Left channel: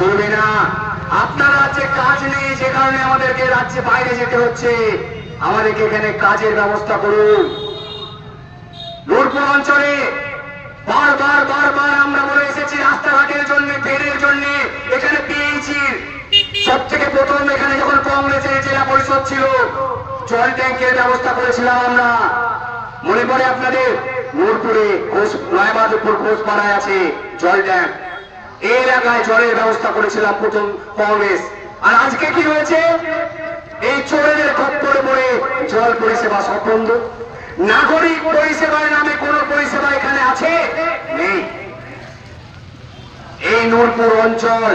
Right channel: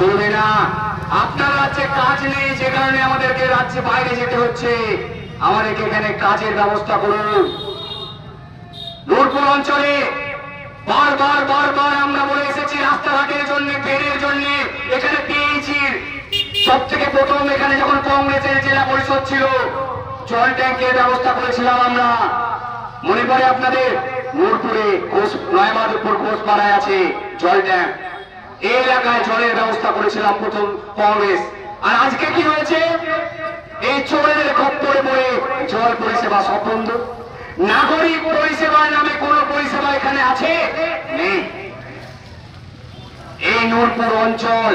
চলবে না। আপনার রাজ্যে কাজ নেই, যে কারণে আমাদেরকে রাজ্যে বাইরে যেতে হচ্ছে। আমাদেরকে এখানে কাজের ব্যবস্থা করুন। নূরপুর অঞ্চলে বারবার বারবার আমরা বলে এসেছি রাস্তাঘাটের জন্য, বেড়ের জন্য। এখানে পিএইচির সব থেকে প্রথম এখানে যখন কংগ্রেসের জেলা পরিষদ ছিল, জল ট্যাঙ্কের ব্যবস্থা করেছিলাম আমরা। মনে পড়ে আপনাদের? নূরপুরে নয়ামাধবপুর ঘোষপাড়ায় আছে জল ট্যাঙ্ক। এই এলাকায় জলের ব্যবস্থা করেছিলাম প্রথম কংগ্রেস। আর আজকে কি হয়েছে? এই চোরেদের খপ্পরে পড়ে জল পরিষেবা সব বন্ধ। নাগরিক পরিষেবার নামে কোন পরিষেবা এখানে আছে? নেই। এই নূরপুর অঞ্চল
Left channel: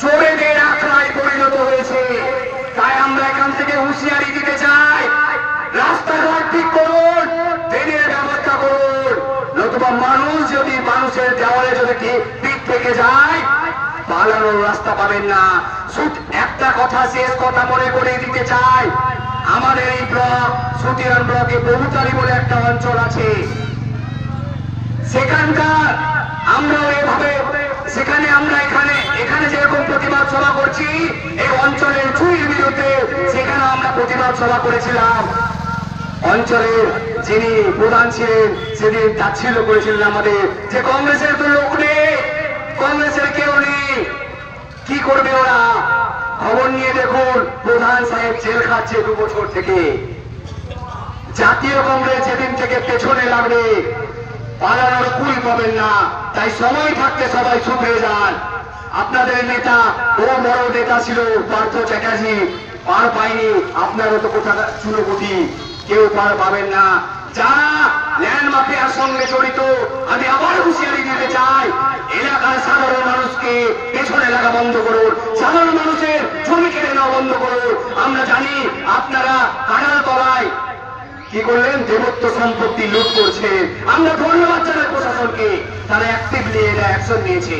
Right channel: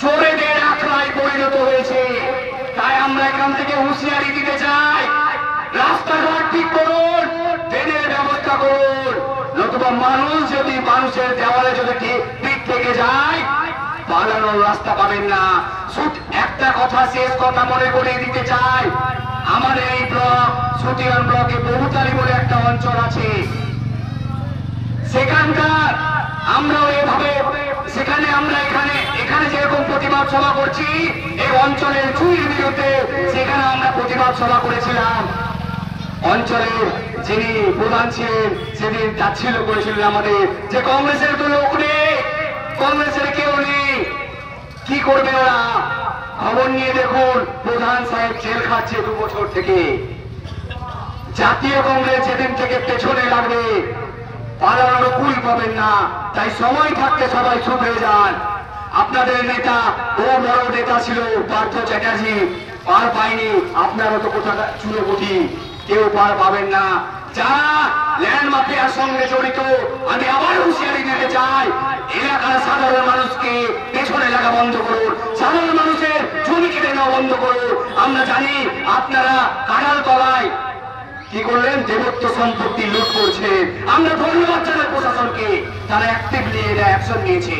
চোরেদের আখড়ায় পরিণত হয়েছে। তাই আমরা এখান থেকে হুঁশিয়ারি দিতে চাই, রাস্তাঘাট ঠিক করুন, ট্রেনের ব্যবস্থা করুন। নতুবা মানুষ যদি মানুষের দেওয়ালে যদি ঠিক থেকে যায়, পালানোর রাস্তা পাবেন না। একটা কথা, শেষ কথা মনে করে দিতে চাই, আমাদের এই ব্লক সুতিয়ান ব্লকে বহুতারি বলে একটা অঞ্চল আছে। সেখানকার আমরাও এভাবে সেখানে আমরা এখানে যেরকম প্রতিবাদ সভা করছি, এই অঞ্চলের চুরির বিরুদ্ধে সেখানে আমরা প্রতিবাদ সভা করেছিলাম। অঞ্চলের যিনি প্রধান ছিলেন সেদিন তাচ্ছিল্য করেছিলেন আমাদের, যে কংগ্রেসের তো লোক নেই, কংগ্রেসের কেউ নেই, কি করবে ওরা? খবর নিয়ে দেখুন, প্রধান সাহেব জেল খাচ্ছে 2 বছর থেকে। জাতীয় কংগ্রেস যেদিন থেকে পেছনে লাগবে, পালানোর কুল পাবেন না। তাই সময় থাকতে সবাই চুপ হয়ে যান। আপনাদের নেতা ও বড় নেতা ছিল পার্থ চ্যাটার্জি, পার পায়নি। আপনারও তো কোথা চুনোপুটি, কেউ পার পাবেন না। যারা ল্যান্ড মাফিয়ার সঙ্গে জড়িত, আমি আবার হুঁশিয়ারি দিতে চাই, এলাকার সাধারণ মানুষকে পেছনে লাগা বন্ধ করুন, সাধারণ মানুষের জমি কেড়ে নেওয়া বন্ধ করুন। আমরা জানি আপনারা কাঁঠাল তলায় কি করলেন, দেবত্ব সম্পত্তি লুট করছে। আমরা ধন্যবাদ জানাই প্রশাসনকে, তারা অ্যাক্টিভলি এটা অ্যাকশন নিয়েছে।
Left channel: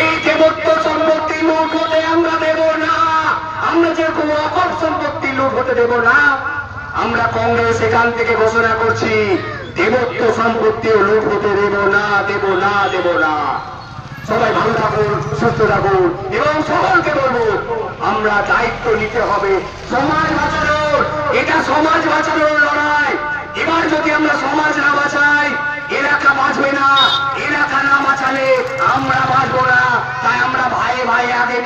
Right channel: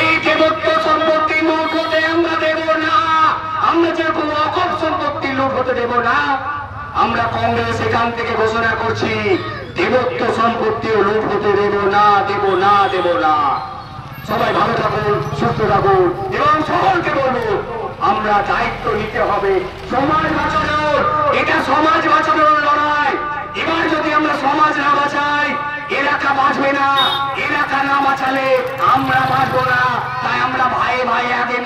এই দেবত্ব সম্পত্তি লুট হতে আমরা দেব না। আমরা যেরকম অকপ সম্পত্তি লুট হতে দেব না, আমরা কংগ্রেস এখান থেকে ঘোষণা করছি, দেবত্ব সম্পত্তিও লুট হতে দেব না, দেব না, দেব না। সবাই ভালো থাকুন, সুস্থ থাকুন, এবং সকলকে বলবো আমরা দায়িত্ব নিতে হবে সমাজ বাঁচানোর। এটা সমাজ বাঁচানোর লড়াই। এবার যদি আমরা সমাজ না বাঁচাই, এলাকা বাঁচবে না। এলাকা না বাঁচালে আমরা বাঁচবো না। তাই আমরা ভাই ভাই আগে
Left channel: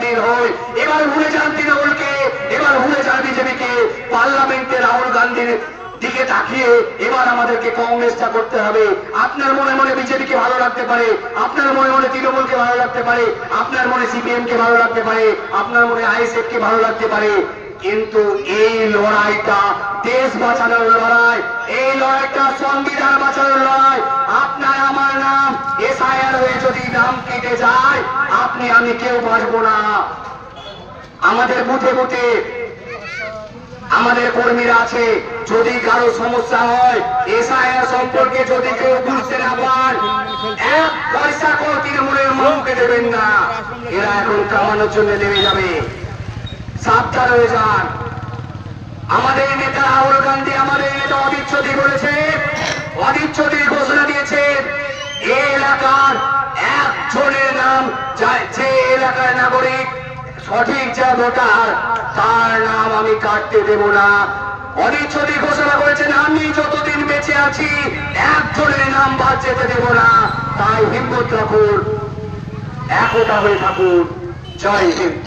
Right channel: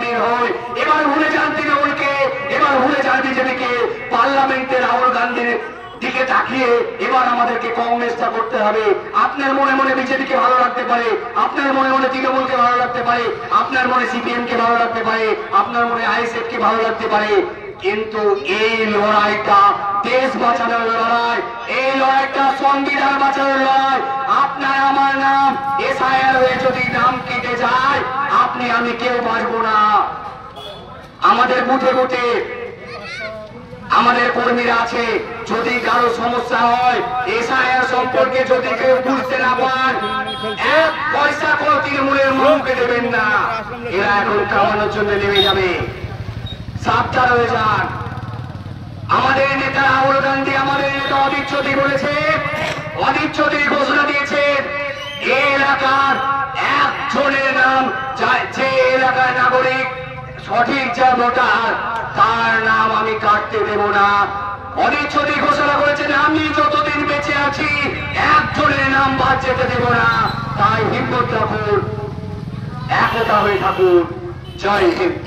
বের হই। এবার ভুলে যান তৃণমূলকে, এবার ভুলে যান বিজেপিকে। পার্লামেন্টে রাহুল গান্ধীর দিকে তাকিয়ে এবার আমাদেরকে কংগ্রেসটা করতে হবে। আপনার মনে মনে বিজেপিকে ভালো লাগতে পারে, আপনার মনে মনে তৃণমূলকে ভালো লাগতে পারে, আপনার মনে সিপিএম কে ভালো লাগতে পারে, আপনার মনে আইএসএফ কে ভালো লাগতে পারে, কিন্তু এই লড়াইটা দেশ বাঁচানোর লড়াই, এই লড়াইটা সংবিধান বাঁচানোর লড়াই। আপনার আমার নাম এসআইআর হয়ে যদি নাম কেটে যায়, আপনি আমি কেউ বাঁচবো না। আমাদের বুথে বুথে আমাদের কর্মীরা আছে, যদি কারো সমস্যা হয়, এসআইআর সম্পর্কে যদি কেউ বুঝতে না পান, 1 পয়সা করে তৃণমূলের মুখে দেবেন না। এরা এখন কামানোর জন্য নেমে যাবে, সাবধান হয়ে যান। আমাদের নেতা রাহুল গান্ধী, আমাদের নেতা অধীর চৌধুরী বলেছে, অধীর চৌধুরী ঘোষণা দিয়েছে, এই এলাকার একজনের নাম, যে এলাকার নাগরিক সঠিক যা ভোটার, তার নাম আমি কাটতে দেব না। অধীর চৌধুরী ঘোষণা করেছেন, আমি যতদিন বেঁচে আছি একজনের নাম বাদ যেতে দেব না। তাই হিম্মত রাখুন, একতা হয়ে থাকুন। জয় হিন্দ।